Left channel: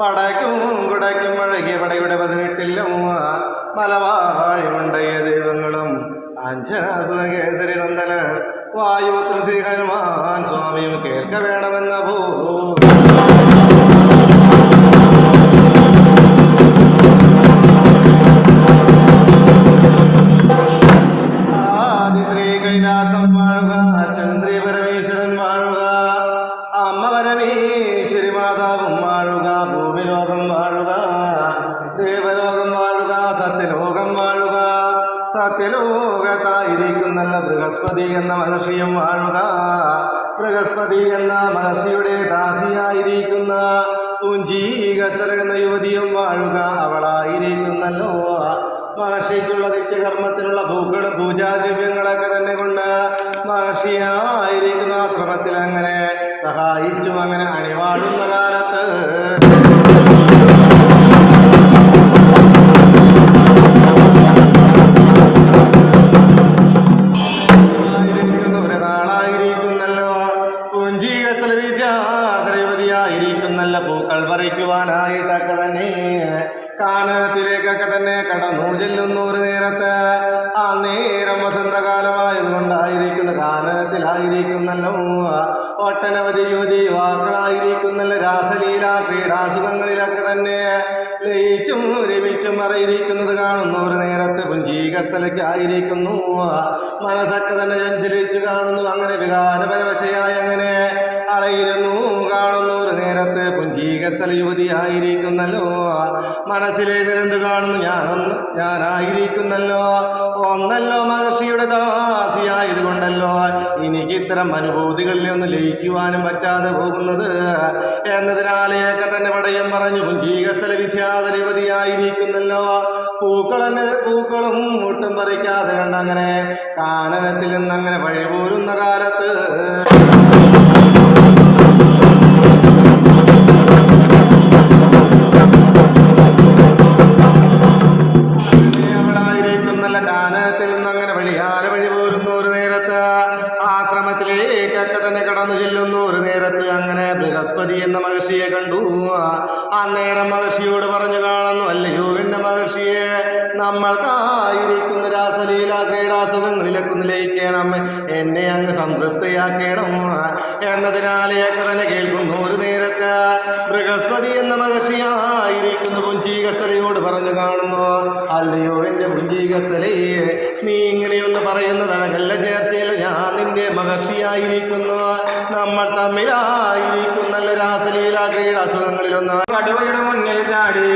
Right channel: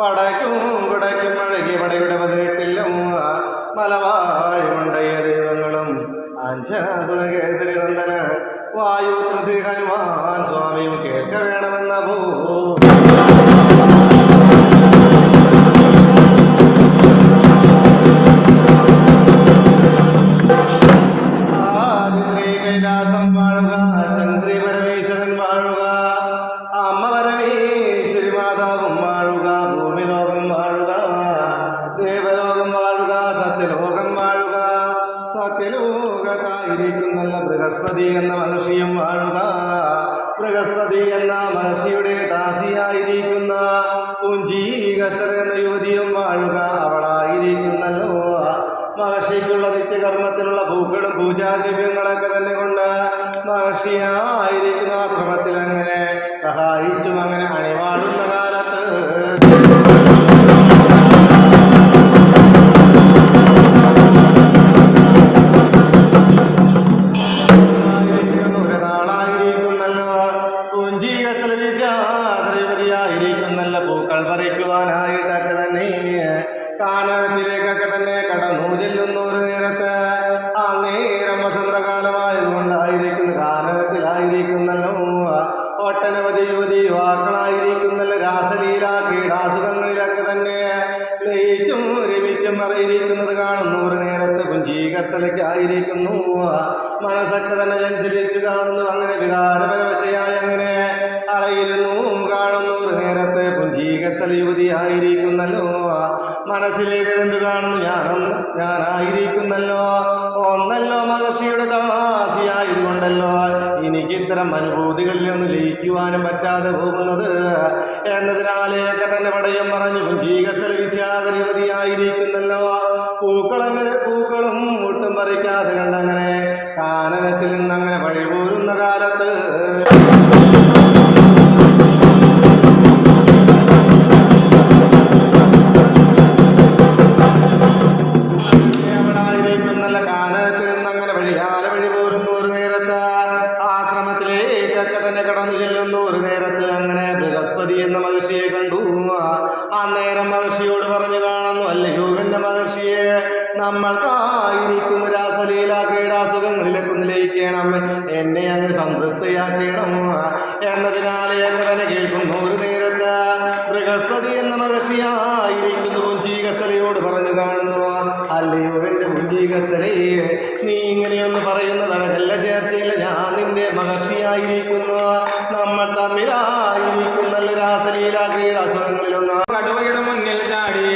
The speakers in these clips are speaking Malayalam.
പടയ്ക്കും കുടയ്ക്കും അഴകിയ പടയുടെ 18 മലവാഴുമുണ്ടയ ദൈവങ്ങളും അഞ്ജനാസുര കേസരി നന്ദന വായുപുത്ര ശ്രീ ഹനുമാൻ സ്വാമിയും കേൾക്ക വേണമെന്ന ഭൂ സത്യലോകത്തായിരിക്കുന്നല്ല ബൃഹസ്പതി എന്ന മഹർഷിയും വാഴുക. ബൃഹസ്പതി എന്ന മഹർഷിയുടെ ദാസിയായിരിക്കുന്ന പുഞ്ചീകസല എന്ന യുവതിയും വാഴുക. അവളായിരിക്കുന്നല്ലോ മഹർഷിക്കുള്ള നിത്യകർമ്മത്തിനുള്ള പൂക്കളും പൂജാദ്രവ്യങ്ങളൊക്കെ തന്നെ കൊണ്ട് മഹർഷിയായിരിക്കുന്ന ആശ്രമത്തിൽ അങ്ങനെ സഹായിച്ചും അങ്ങനെ അണിവാഴുന്ന കാലത്ത് പൂക്കൾ പറിക്കുവാനായിട്ടൊക്കെ തന്നെ കാനനത്തിലേക്കൊക്കെ തന്നെ കടന്നു ചെല്ലുന്ന ഒരു നേരത്ത് ആ നേരം വസന്തകാലമായതുകൊണ്ടായിരിക്കുന്നു കാനനത്തിലായിരിക്കുന്നല്ലോ ഒട്ടനവധി യുവതി യുവാക്കളായിരിക്കുന്നല്ലോ രാസലീല ക്രീഡാസുഖങ്ങളിലൊക്കെ തന്നെ ലയിച്ചും രമിച്ചും അറിയിരിക്കുന്നത് കാണുന്നു ഒരു നേരത്ത് പുഞ്ചീകസ്ഥലയ്ക്കായിരിക്കുന്നു മനസ്സൊക്കെ തന്നെ ചഞ്ചലിച്ചു കാണുന്നു. അങ്ങനെ വികാരപരവശയായി അങ്ങനെ അറിയിരുന്നു കാണുന്നു ഒരു നേരത്തെ പുഞ്ചീകസ്ഥല യുവതിയായിരിക്കുന്നല്ലോ. മനസ്സിലേതെന്ത് കാണുന്നു ഞാനായിരിക്കുന്നല്ലോ ഒന്നല്ലോ മഹർഷിയുടെ ദാസിയായതുകൊണ്ടല്ലോ എനിക്ക് ഇത്തരം അനുഭൂതികളിൽ ഒന്ന് ലയിക്കുവാനും പറ്റാതെ പോകുന്നത് എന്നതിനാലെയൊക്കെ തന്നെ പടയം പറഞ്ഞു പുഞ്ചീകസ്ഥല വിദ്യാധര യുവതിയായിരിക്കുന്നല്ലോ. പൂക്കളും ഒട്ടും പറിക്കാതെ കണ്ടങ്ങനെ കാനനത്തിൽ നിന്നങ്ങനെ വഴിപോരുന്ന കാലത്ത് കാനനത്തിൽ നിന്നങ്ങനെ വഴി പോരുന്ന ഒരു നേരത്ത് ആശ്രമത്തിലേക്കൊക്കെ തന്നെ കടന്നു ചെല്ലുന്ന ഒരു നേരത്ത് അങ്ങനെ ബൃഹസ്പതി എന്ന മഹർഷിയെ കണ്ടു. അന്നേരം മഹർഷിയോട് പറഞ്ഞു കാണുന്നു, അല്ലയോ എന്റെ മഹർഷിയെ, നമ്മൾക്കായിരിക്കുന്ന രാസലീല ക്രീഡാസുഖങ്ങളിലൊക്കെ ലയിക്കണം, എന്നെ അങ്ങ് സംതൃപ്തിയാക്കണം എന്നതിനാലെയൊക്കെ തന്നെ കേൾക്കുന്നു ഒരു നേരത്ത് ബൃഹസ്പതി എന്ന മഹർഷിയായിരിക്കുന്നു പുഞ്ചീകസ്ഥലയോട് പറഞ്ഞു കാണുന്നു, അല്ലയോ എന്റെ പുഞ്ചീകസ്ഥലേ, നീ ഇങ്ങനെയൊന്ന് പറയുന്നത് അഴകല്ല ചേർച്ചയല്ല, ഞാൻ നിന്റെ മഹർഷിയായിരിക്കുന്നു, നമ്മൾ തമ്മിലായിരിക്കുന്നല്ല രാസലീല ക്രീഡാസുഖങ്ങളിലൊന്ന്. കടുവയുടെ മുന്നിൽ ചാടി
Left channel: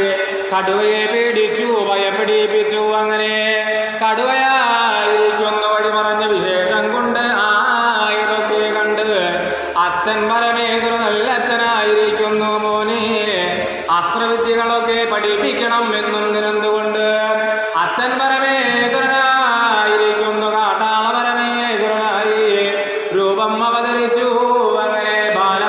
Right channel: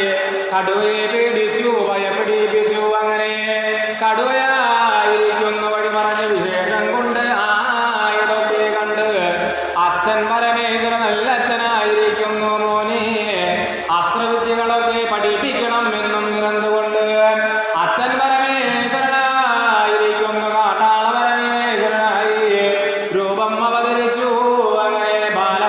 കടുവയെ പേടിച്ചു ഭയപ്പെടിപ്പിച്ചു. അങ്ങനെ കടുവയായിരിക്കുന്നു വഴിമറഞ്ഞ വിശേഷം കൊണ്ട് ഇതൊക്കെ കണ്ട് അച്ഛൻ പരമേശ്വര നല്ല അച്ഛനായിരിക്കുന്നു. മോനെ അസ്ത്രവിദ്യകളൊക്കെ പഠിപ്പിക്കണം എന്നും നിരന്നുകൊണ്ട് അച്ഛൻ പരമേശ്വരനായിരിക്കുന്നു കാട്ടാള പരമേശ്വരനായി രൂപം അവതരിച്ചു. അങ്ങനെ ബാല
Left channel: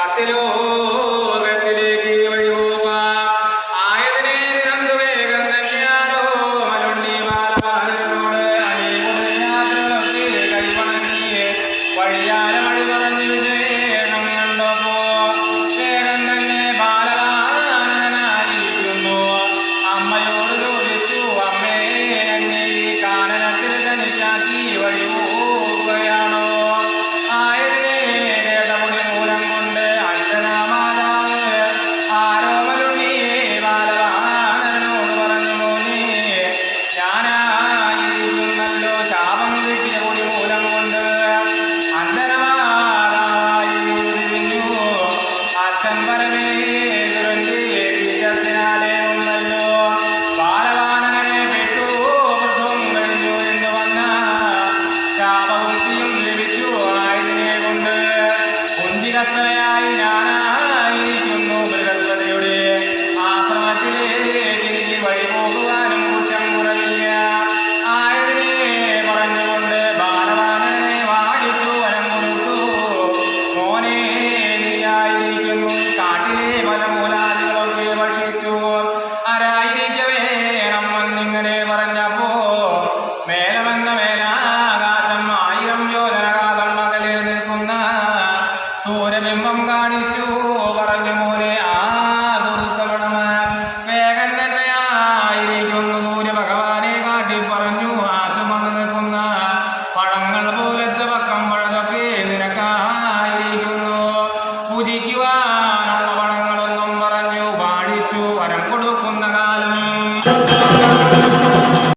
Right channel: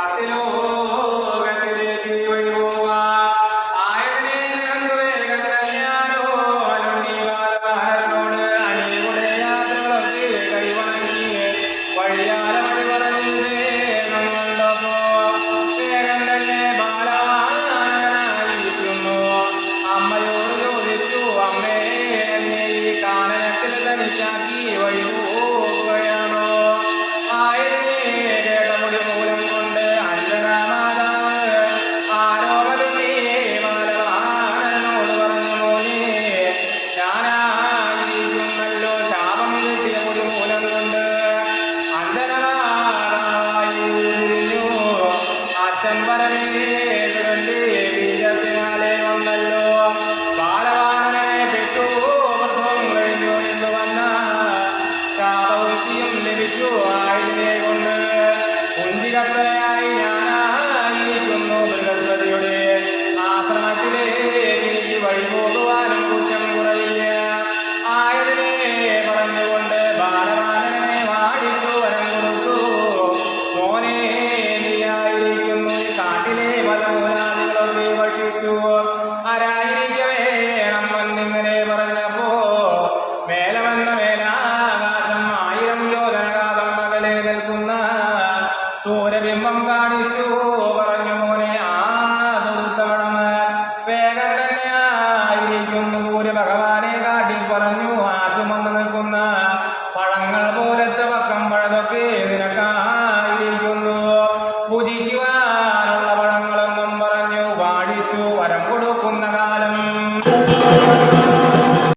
സത്യലോകത്തിലേക്ക് വഴി പോവുക. ആയതിനെ നിരന്തു വേഗം തന്നെയാരോ മലുണ്ണി ബാലവാനരനോട് അണികൊടുയാത്രകളൊക്കെ കൈവണങ്ങി വഴിയാലെ വഴി പറഞ്ഞു വിശേഷം കണ്ടപ്പോ വേഗം തന്നെ ബാലവാനരനായിരിക്കുന്നു. അമ്മയോട് ചോദിച്ചു, അമ്മേ, എന്നെ ഈ കാനനത്തിൽ തനിച്ചാക്കി വഴി പോവുകയാണോ? ആയതിനെ വേദമുടി മൂലം കൊണ്ട് അഞ്ജനാമാതാവ് ആരോമലുണ്ണി ബാലവാനരനോട് പറഞ്ഞു, മോനെ, ഞാനായിരുന്നല്ലോ ശാപം കിട്ടിയ മുടി മൂലം കൊണ്ട് അഞ്ജനമാതാവായിരുന്നു. അച്ഛൻ പരമേശ്വരന്റെ ബീജത്തിനാലെ ഒന്നല്ലോ ബാലവാനരനെ പെട്ടു വൃദ്ധം കഴിഞ്ഞു എന്ന് വന്ന ശാപവൃത്തിയും ലഭിച്ചു. ആയതിനെ കൊണ്ട് കുന്തികസ്ഥയായി ഞാനായിരിക്കുന്നു. ബൃഹസ്പതിയുടെ ആശ്രമത്തിലേക്ക് വഴി പോകുവാനും കുറ്റം കുറയില്ല. ആയതിനെ പറഞ്ഞുകൊണ്ട് ബാലവാനരനെ വാടിച്ചു വരം കൊടുത്തു. മോനെ, നീയായിരിക്കുന്നു ഈ കാട്ടിലെ പല മൂലാദികളൊക്കെ ഭക്ഷിച്ചു ആരായിരിക്കവേ നമ്മെന്നിങ്ങനെ പറഞ്ഞപ്പോ മേലമെന്ന മേലാകാശം 1000 യോജനകാതം മകളെ നിൽക്കുന്ന സൂര്യബിംബം കാണിച്ചു. പറഞ്ഞു, മോനെ, ആ ദൂതഗണം വേഗം തന്നെയായിരിക്കുന്നു. സൂര്യഭഗവാനെ കാട്ടി പറഞ്ഞു, ആ ചുമന്ന് നിൽക്കുന്ന പഴങ്ങൾ പോലത്തെ പക്കം പഴതൊക്കെ നിനക്കായിരിക്കുന്നു. പൂജിക്കുവാനുള്ള പഴങ്ങളെന്നും പറഞ്ഞു വാഴിച്ചു വരം കൊടുക്കുന്ന കാലം